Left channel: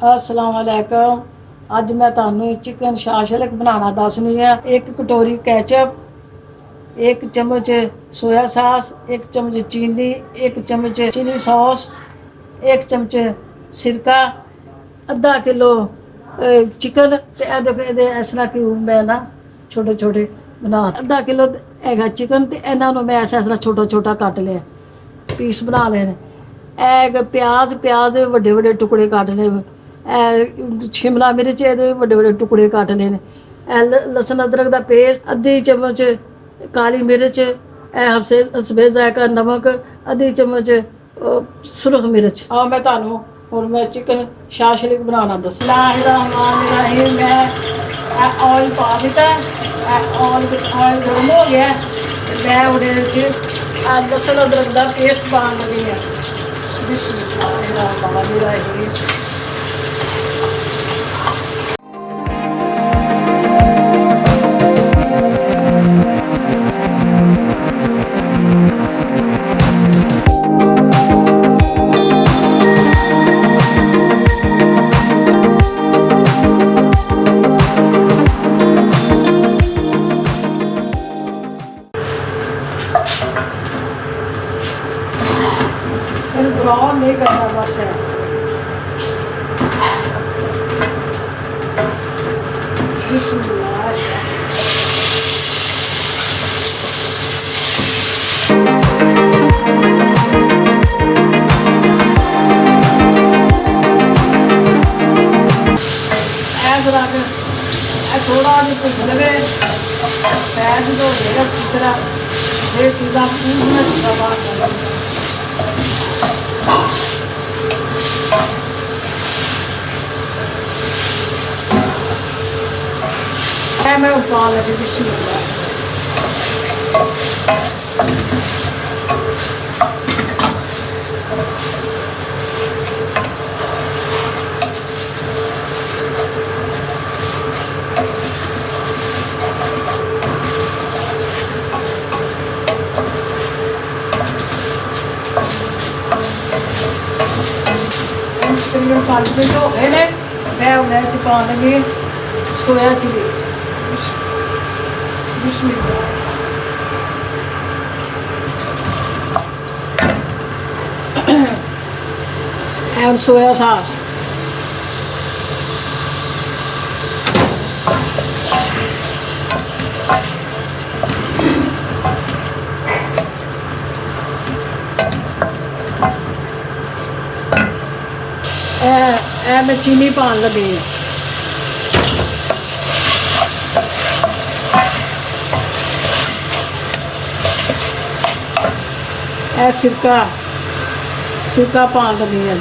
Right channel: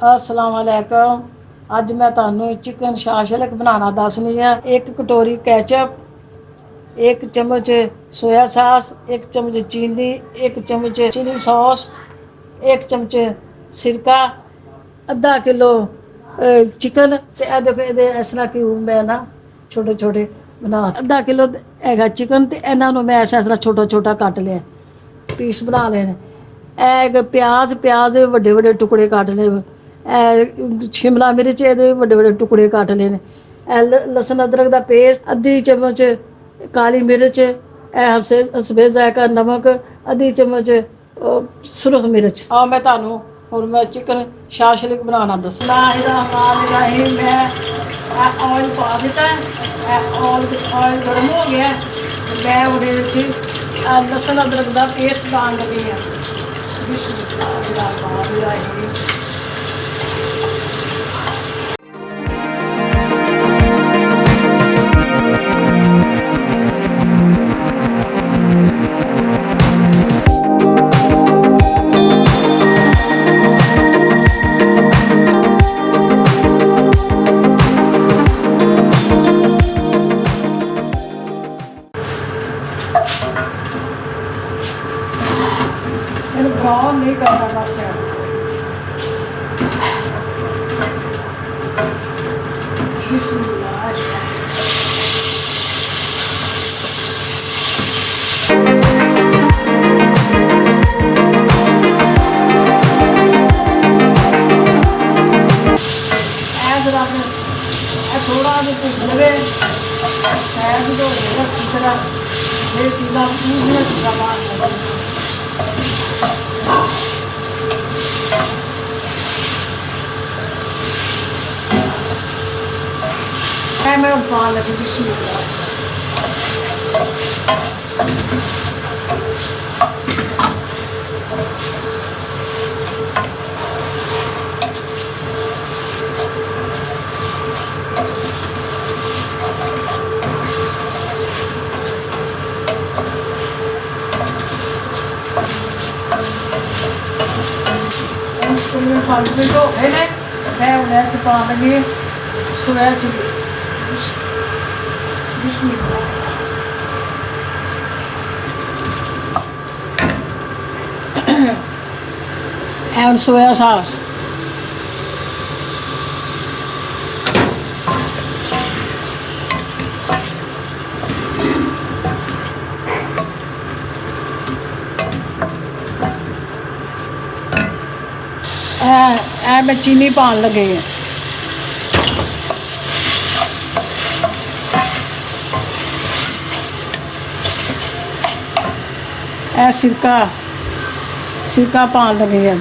अस्सलाम वालेकुम। अज मैं तुहानू चिकन शाशलिक बनाना दसनी है। एक कटोरी कैचअप, एक चम्मच सोया सास, एक चम्मच चीनी, एक चम्मच चिली सॉस, एक चम्मच सिरका, अद्धा किलो चिकन। तो देखो ये इस तरह क्यूब मैं ना छोटे छोटे बना, अद्धा किलो है चिकन। तो इन्हों मैं ऐसा ऐसा छोटा छोटा कट लिया, पीस बना लेने। प्याज प्याज वड्डे वड्डे टुकड़े कट ले। शिमला मिर्च ये वड्डे वड्डे टुकड़े कट ले। लसन अदरक का पेस्ट, अद्धी चम्मच काली मिर्च, सफेद जायका नमक, अद्धी चम्मच सुरख मिर्च। हाँ मैं तुहानू हुण मैं चिकन शाशलिक बनाना दस्सां। मैं ऑयल पा दिता। ऑयल गर्म हो गया। मैं उहदे विच लसन अदरक का पेस्ट पान लगी है। बिस्मिल्लाहिर्रहमानिर्रहीम। ब्राउन नहीं करना बस है। थोड़ा लगे तो अच्छी तरह ये चीज़ा पूछना चीज़ा बात मैं उबाल लगी बिस्मिल्लाह। पाँच मिनट हो गए ने। मैं उन्हें पा लगी soya chilli. and soya sauce. मैं चीनी पान लगे हैं। सिरका सिरका पान लगे हैं।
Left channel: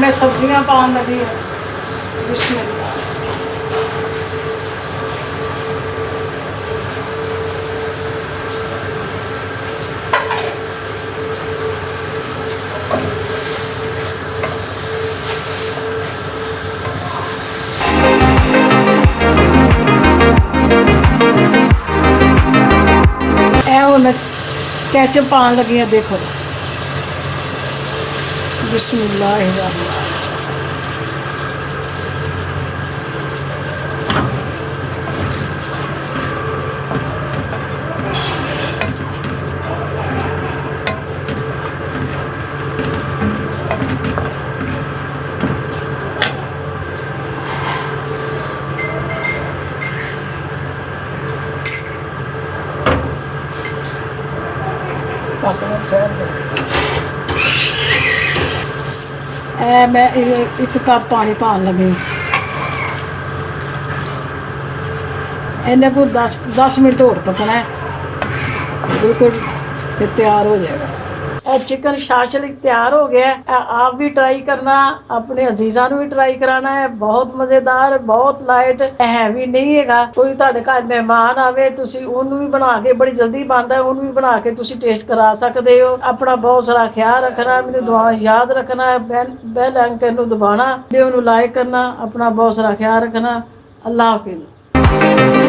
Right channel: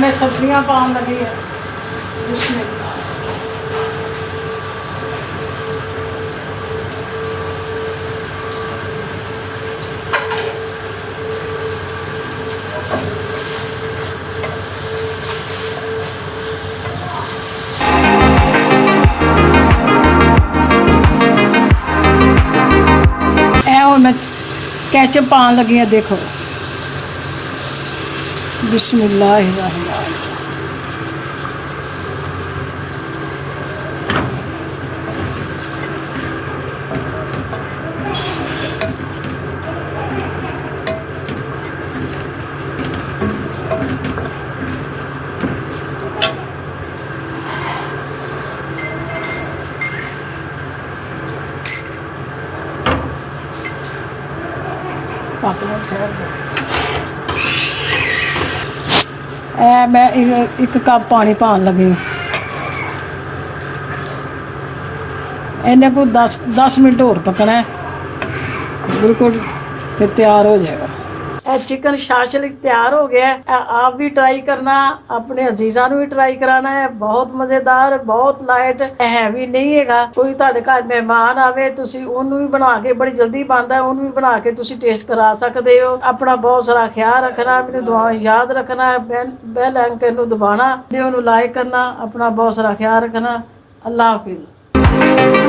मैं सब्जियां पान लगी है। इसमें मैं कैचअप पान लगी है। देखो बिस्मिल्लाहिर्रहमानिर्रहीम। मैं एक कप पानी पान लगी। इन्हें को 10 मिनट और पकना है, बिल्कुल फिर तैयार हो जाएगा। चिकन शाशलिक तैयार हो गया है। आप भी ट्राई करना, अपने अजीज़ां नूं भी ट्राई कराना है। बहुत मज़ेदार, बहुत लाइट, हैवी नहीं है। कोई तुहाडे घर मेहमान आवे, तुसीं उहनूं भी बना के, बड़ी जल्दी बनदा है, उहनूं भी बना के तुसीं टेस्ट करा सकदे हो। अपना बहुत सारा ख्याल रखना, मैनूं दुआ याद रखना, बेल आइकन नूं दबाना, वीडियो नूं लाइक करना, अपना बहुत सारा ख्याल रखना। अल्लाह हाफिज़।